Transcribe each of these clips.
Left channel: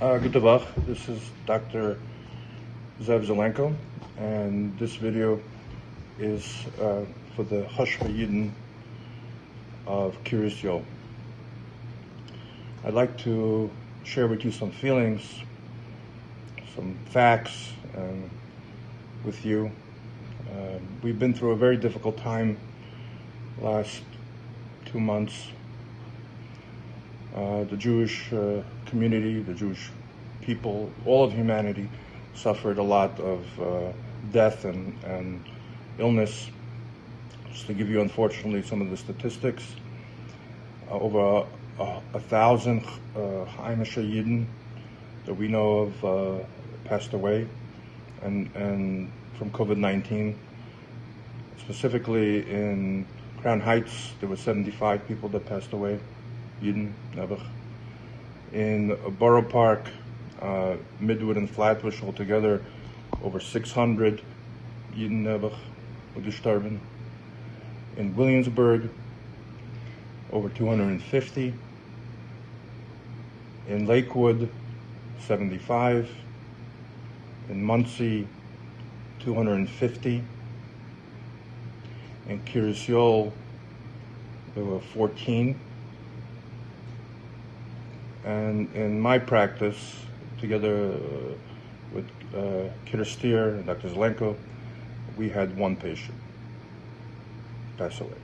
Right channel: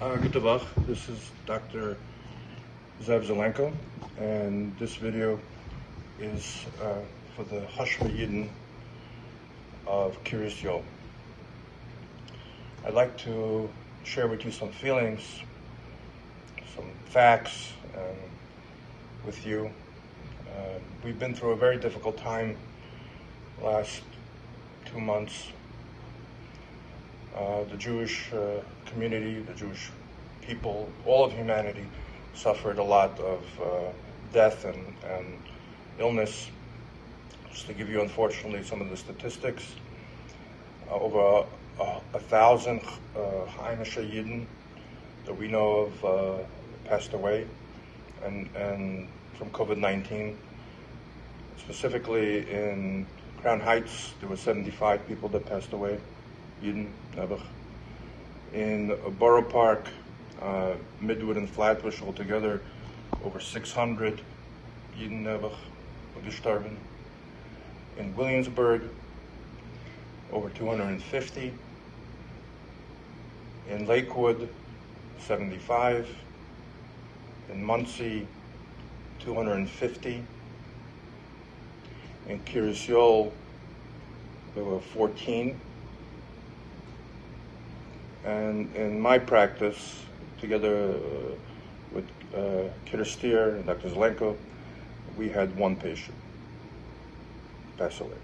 Good Tavach. This is Dr. Zalczenko, and this video is for the Hashva Yidden of Kiryas Yom. I'd like to share with you some feelings, some facts with you. We've been through a very difficult time the last 2 months. The Jewish community, the Jewish people, all of humanity suffered a lot of death and illness. Just to give you, unfortunately, some of the statistics, over 1,000 Heimische Yidden that we know of passed away, and from COVID-19. Specifically in Crown Heights, there were 75 people that passed away. Yidden, Nevach. In Borough Park, Midwood and Flatbush altogether, over 600 Yidden Nevach gestorben. In Williamsburg, over 250. In Lakewood, 75. In Muncie, 250. In Kiryas Yom, there were 14. And in my practice, together with Kidder and Dr. Zalczenko, we had one patient pass away.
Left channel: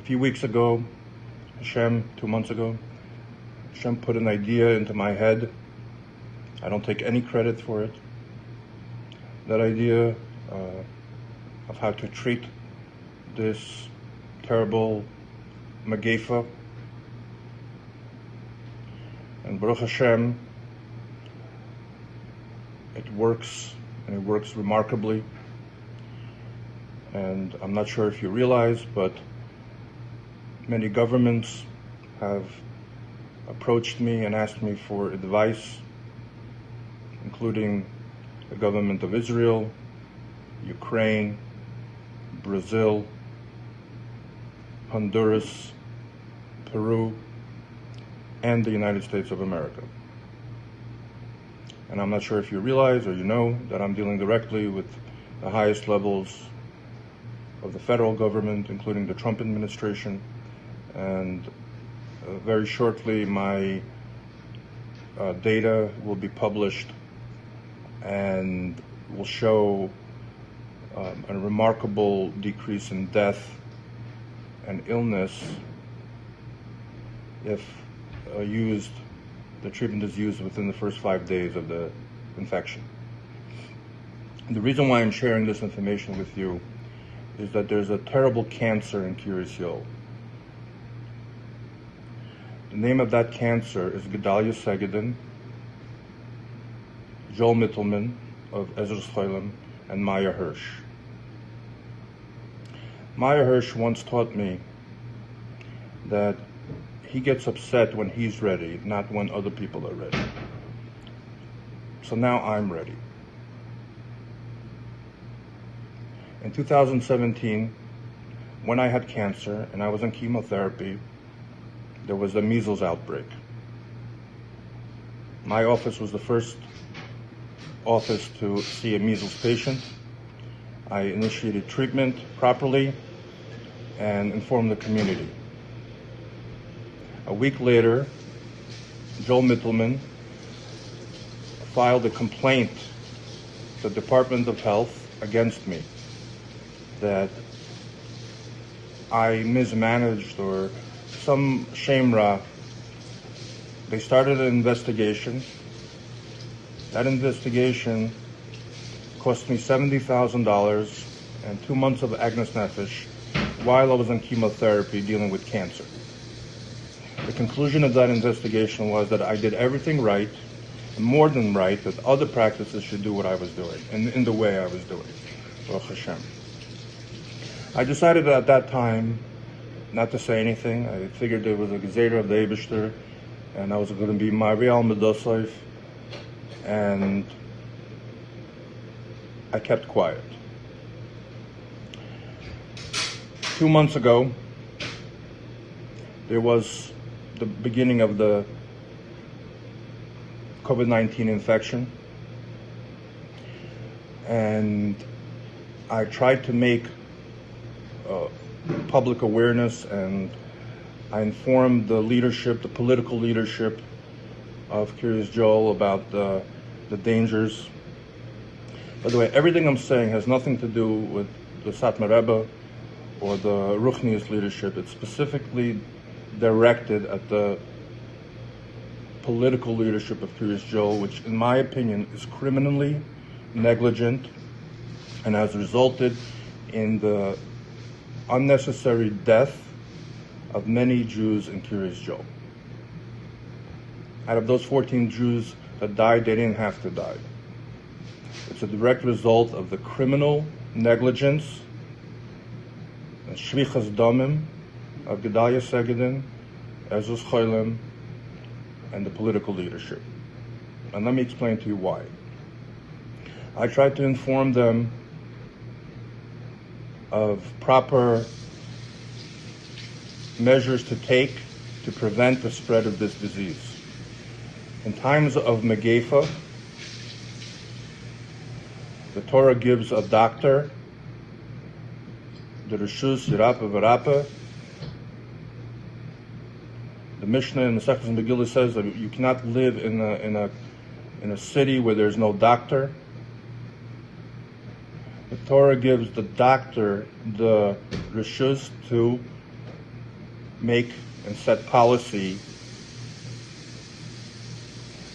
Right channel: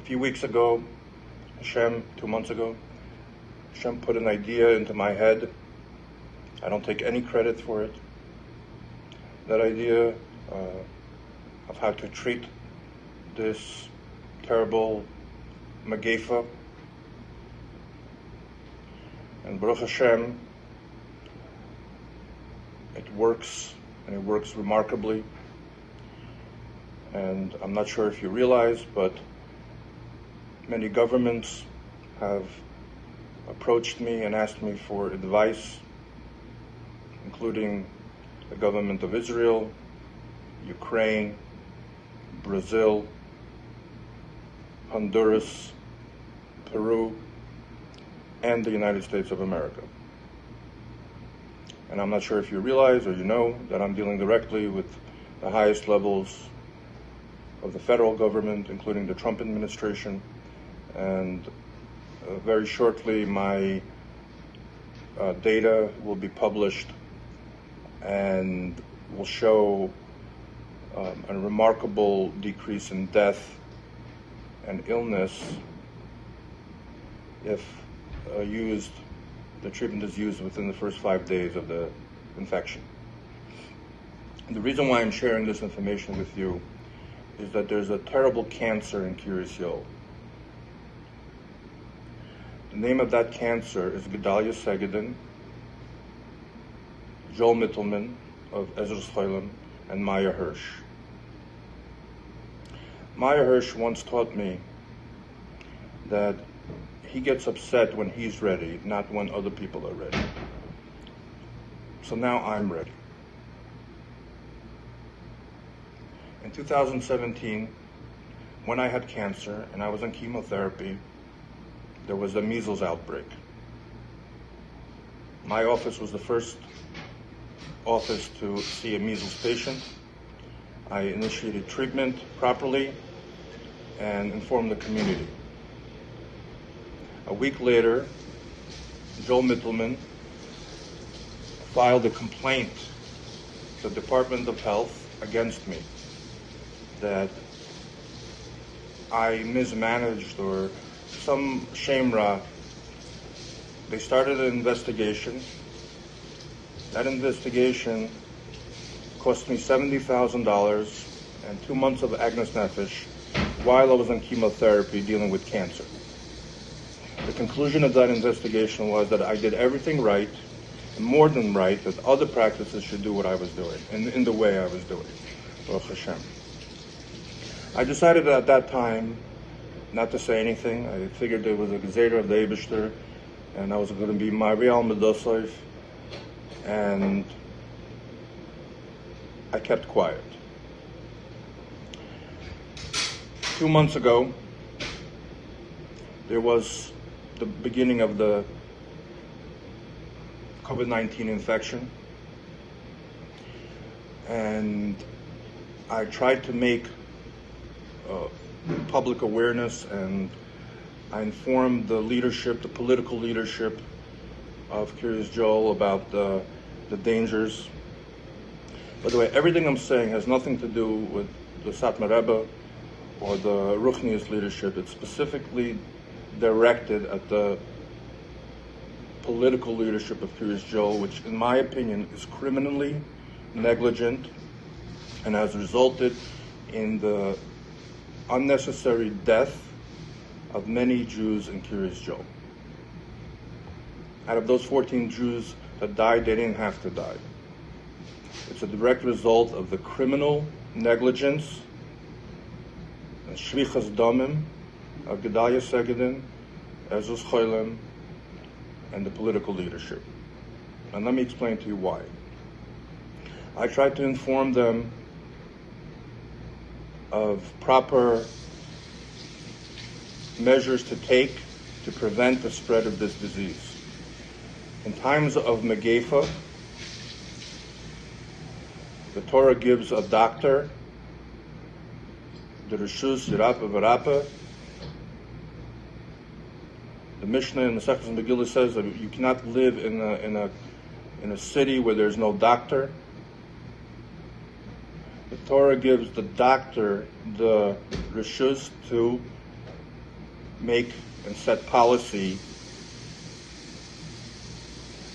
A few weeks ago, 2 months ago, Hashem put an idea into my head. I don't take any credit for it. That idea of how to treat this terrible Magefa, and Baruch Hashem, it works, and it works remarkably. And I'm not sure if you realize, but many governments have approached me and asked me for advice, including the government of Israel, Ukraine, Brazil, Honduras, Peru, and the United States of America. And I'm not sure if you realize or you know that I'm dealing directly with the highest levels of the federal government, including the Trump administration. And very shortly, my data will be published and will show a remarkable decrease in death and illness if the treatment is used within the first 5 days of the infection. And the reason why I'm sharing this information with you is that there's a terrible cancer in Kiryas Yom. The name of that cancer is Gedalia Segedin, Joel Mittelman of Ezra Schoilem, and Maya Hirsch. Maya Hirsch once taught me that he gets upset when he's ready, not when other people are ready. So now I'm ready. In 2017, when I had cancer and I was on chemotherapy, there was a measles outbreak. My office was the first office to see a measles patient. I initiated treatment properly and informed the community. A week later, Joel Mittelman filed a complaint to the Department of Health against me that I mismanaged or some shemra. They started an investigation. That investigation cost me $70,000 and 2 months of Agnes Nefesh while I was on chemotherapy dealing with cancer. The conclusion of that investigation was that I did everything right, and more than right, that other practices should do what I was doing, and in the way I was doing. Baruch Hashem. I decided at that time not to say anything. I figured there was a Gezerah of the Eibishter, and I was going to be my real Medosoif, and I kept quiet. 2 months ago, there was the beginning of the COVID-19 infection, and I tried to make public awareness, and I informed the leadership, the political leadership of Kiryas Joel about the dangers. By the way, everything I'm saying has nothing to do with the Satmar Rebbe or the Ruchnius leadership. It's specifically directed at the political leadership of Kiryas Joel, which in my opinion is criminally negligent and has resulted in the unnecessary death of many Jews in Kiryas Joel. Out of those 14 Jews that died, they didn't have to die. It's a direct result of the criminal negligence, the shvichas damim of Gedalia Segedin, Ezus Choylem, and the political leadership. And let me explain to you why. I tried to inform them of proper measures to take to prevent the spread of this disease. In times of Megefa, the Torah gives a doctor the Rishus Yirapa V'Rapa. The Mishnah in the Second Megillah says that you cannot live in a city where there's no doctor. The Torah gives the doctor the Rishus to make and set policy.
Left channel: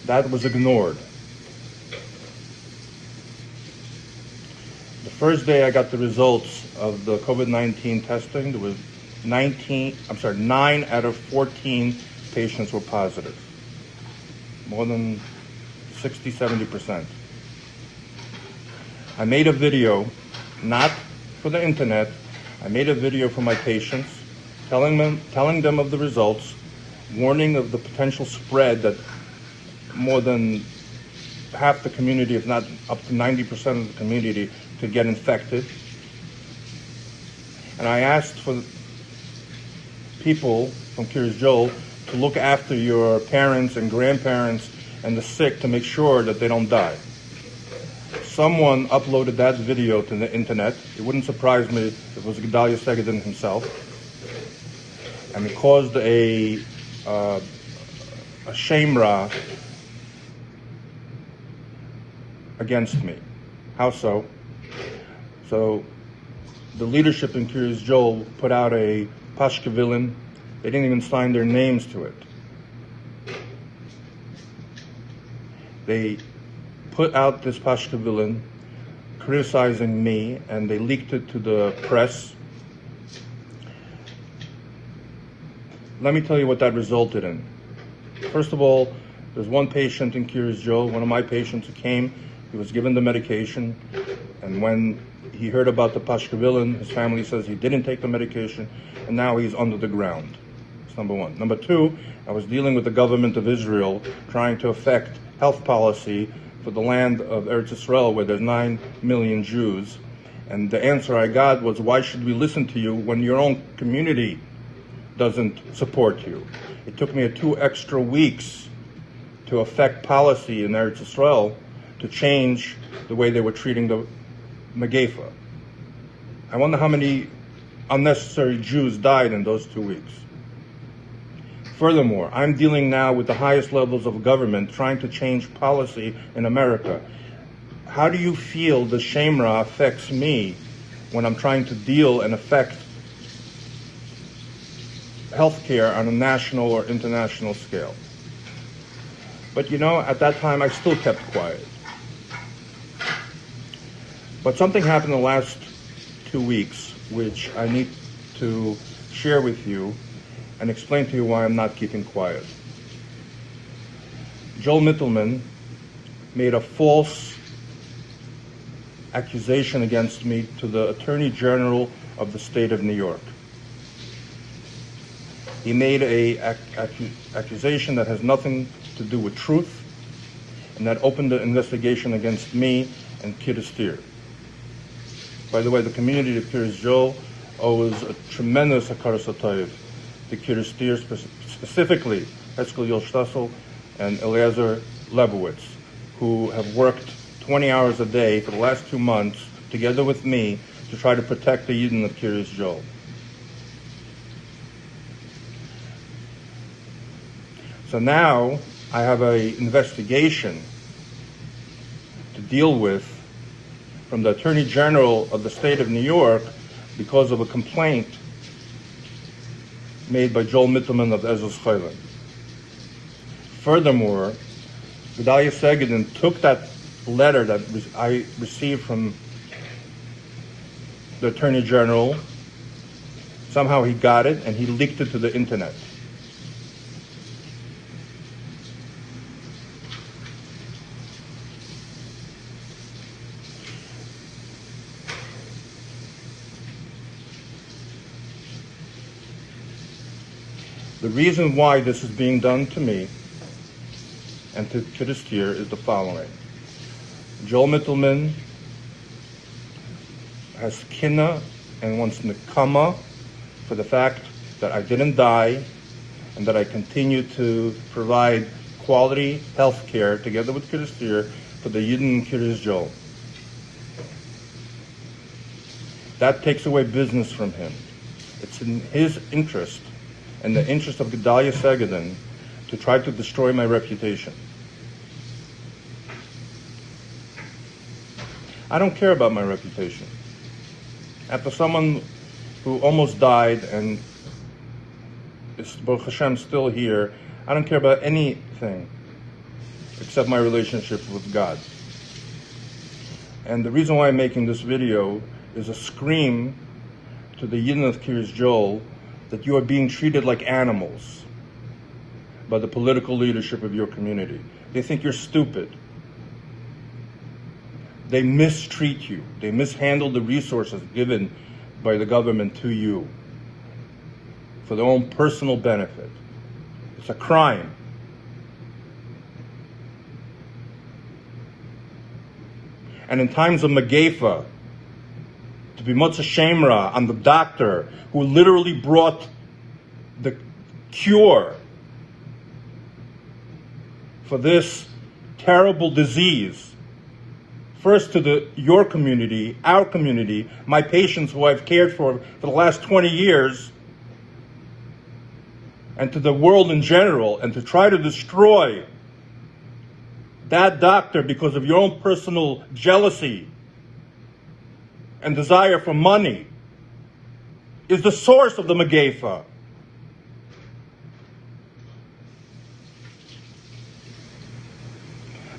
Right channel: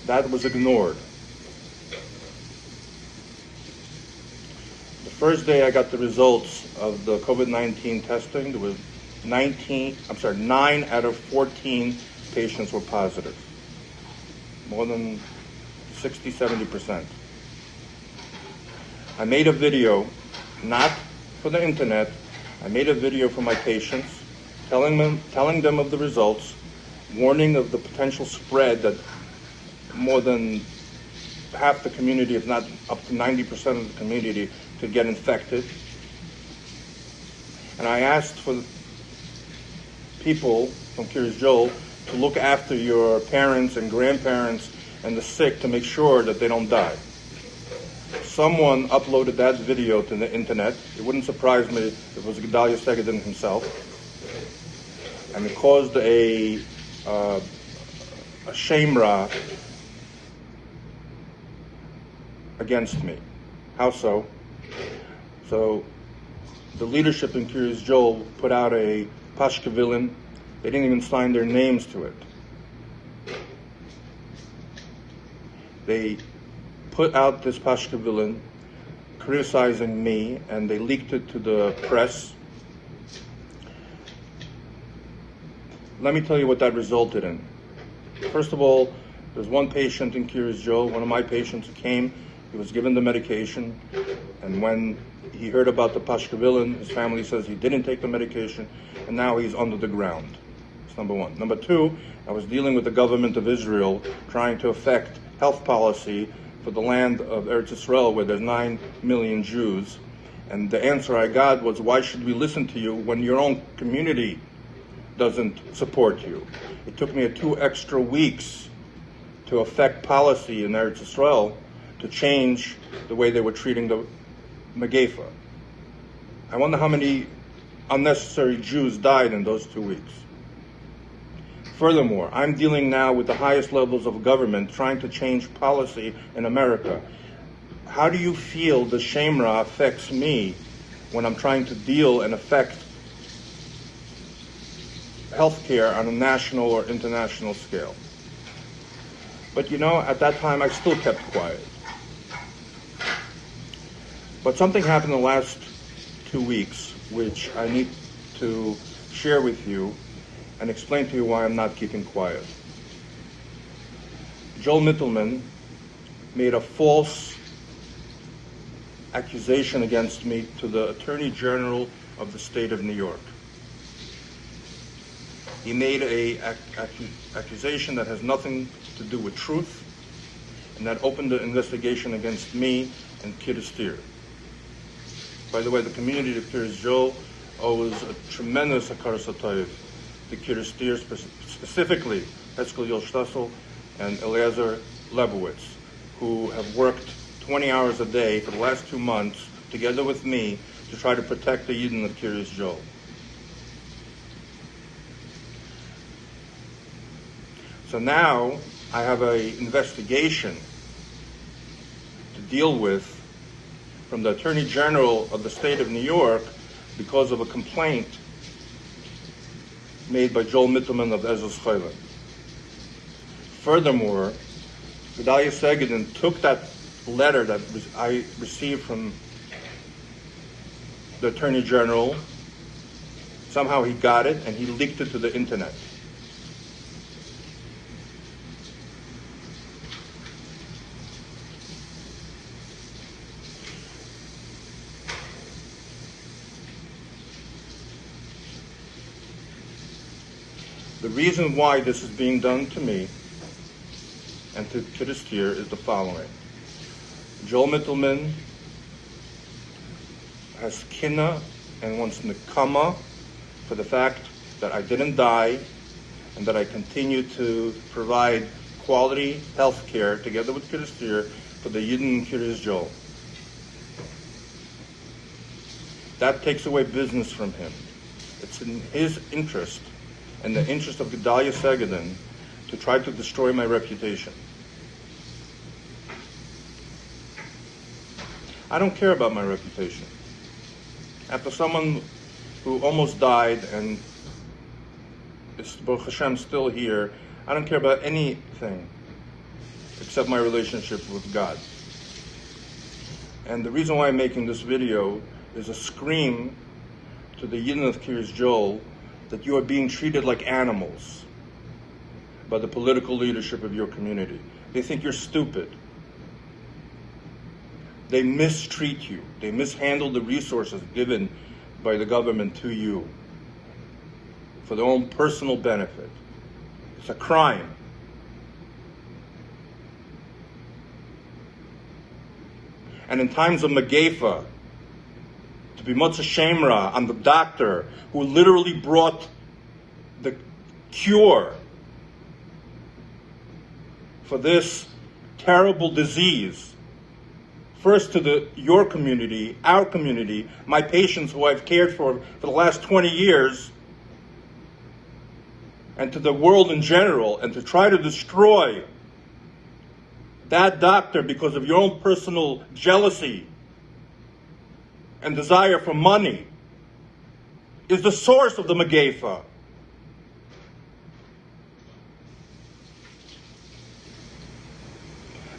That was ignored. The first day I got the results of the COVID-19 testing, there was 9 out of 14 patients were positive. More than 60-70%. I made a video, not for the internet, I made a video for my patients, telling them of the results, warning of the potential spread that more than half the community, if not up to 90% of the community, could get infected. And I asked for people from Kiryas Joel to look after your parents and grandparents and the sick to make sure that they don't die. Someone uploaded that video to the internet. It wouldn't surprise me if it was Gedalia Segedin himself. And it caused a shemra against me. How so? So the leadership in Kiryas Joel put out a pashkevilin. They didn't even sign their names to it. They put out this pashkevilin criticizing me, and they leaked it to the press. Let me tell you what that resulted in. First of all, there's one patient in Kiryas Joel, one of my patients who came, he was given the medication, and when he heard about the pashkevilin, his family says he didn't take the medication, and now he's under the ground. That's number one. Number two, I was dealing with the government of Israel, trying to affect health policy for the land of Eretz Yisrael, where there's 9 million Jews. And the answer I got was, why should we listen to you when your own community doesn't support you? It took me 2 extra weeks to affect policy in Eretz Yisrael to change the way they were treating the Megefa. I wonder how many unnecessary Jews died in those 2 weeks. Furthermore, I'm dealing now with the highest levels of government trying to change policy in America. How do you feel the shemra affects me when I'm trying to deal and affect healthcare on a national or international scale? But you know, at that time I still kept quiet. But something happened in the last 2 weeks, which I need to share with you and explain to you why I'm not keeping quiet. Joel Mittelman made a false accusation against me to the Attorney General of the state of New York. He made an accusation that has nothing to do with truth, and that opened an investigation against me and Kiryas Tir. By the way, the community of Kiryas Joel owes a tremendous hakaras hatov the Kirsteer, specifically Heskel Yostasel and Eliezer Lebowitz, who have worked 20 hours a day for the last 2 months, together with me, to try to protect the Yidden of Kiryas Joel. So now I have an investigation to deal with from the Attorney General of the state of New York because of a complaint made by Joel Mittelman of Ezra's Chaylim. Furthermore, Gedalia Segedin took that letter that I received from the Attorney General. Somehow he got it and he leaked it to the internet. The reason why this is being done to me and to Kirsteer is the following. Joel Mittelman has kinna and wants nekama for the fact that I didn't die and that I continue to provide quality health care together with Kirsteer for the Yidden in Kiryas Joel. That takes away business from him. It's in his interest and the interest of Gedalia Segedin to try to destroy my reputation. I don't care about my reputation. After someone who almost died and is, Baruch Hashem, still here, I don't care about anything except my relationship with God. And the reason why I'm making this video is a scream to the Yidden of Kiryas Joel that you are being treated like animals by the political leadership of your community. They think you're stupid. They mistreat you. They mishandle the resources given by the government to you for their own personal benefit. It's a crime. And in times of Megefa, to be Motza Shemra on the doctor who literally brought the cure for this terrible disease, first to your community, our community, my patients who I've cared for the last 20 years, and to the world in general, and to try to destroy that doctor because of your own personal jealousy and desire for money, is the source of the Megefa.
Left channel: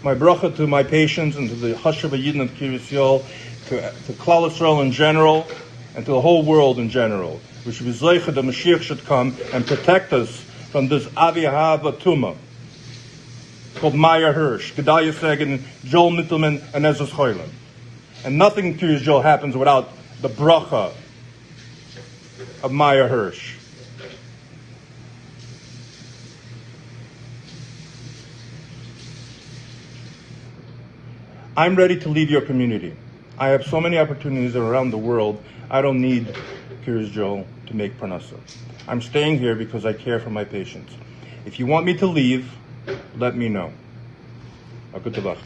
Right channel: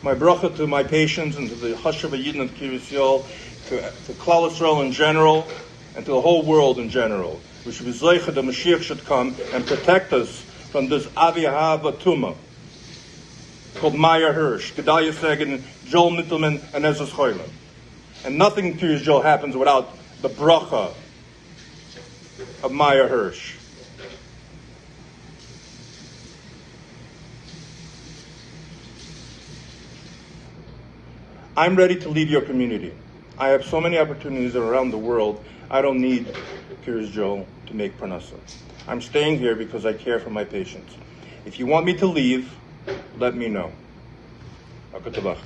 My bracha to my patients and to the Hashava Yidden of Kiryas Joel, to Klal Yisrael in general, and to the whole world in general. We should be zeicha the Mashiach should come and protect us from this Avi Hava Tuma called Maya Hirsch, Gedalia Segedin, Joel Mittelman, and Ezra's Chaylim. And nothing in Kiryas Joel happens without the bracha of Maya Hirsch. I'm ready to leave your community. I have so many opportunities around the world. I don't need Kiryas Joel to make parnasa. I'm staying here because I care for my patients. If you want me to leave, let me know. Good luck.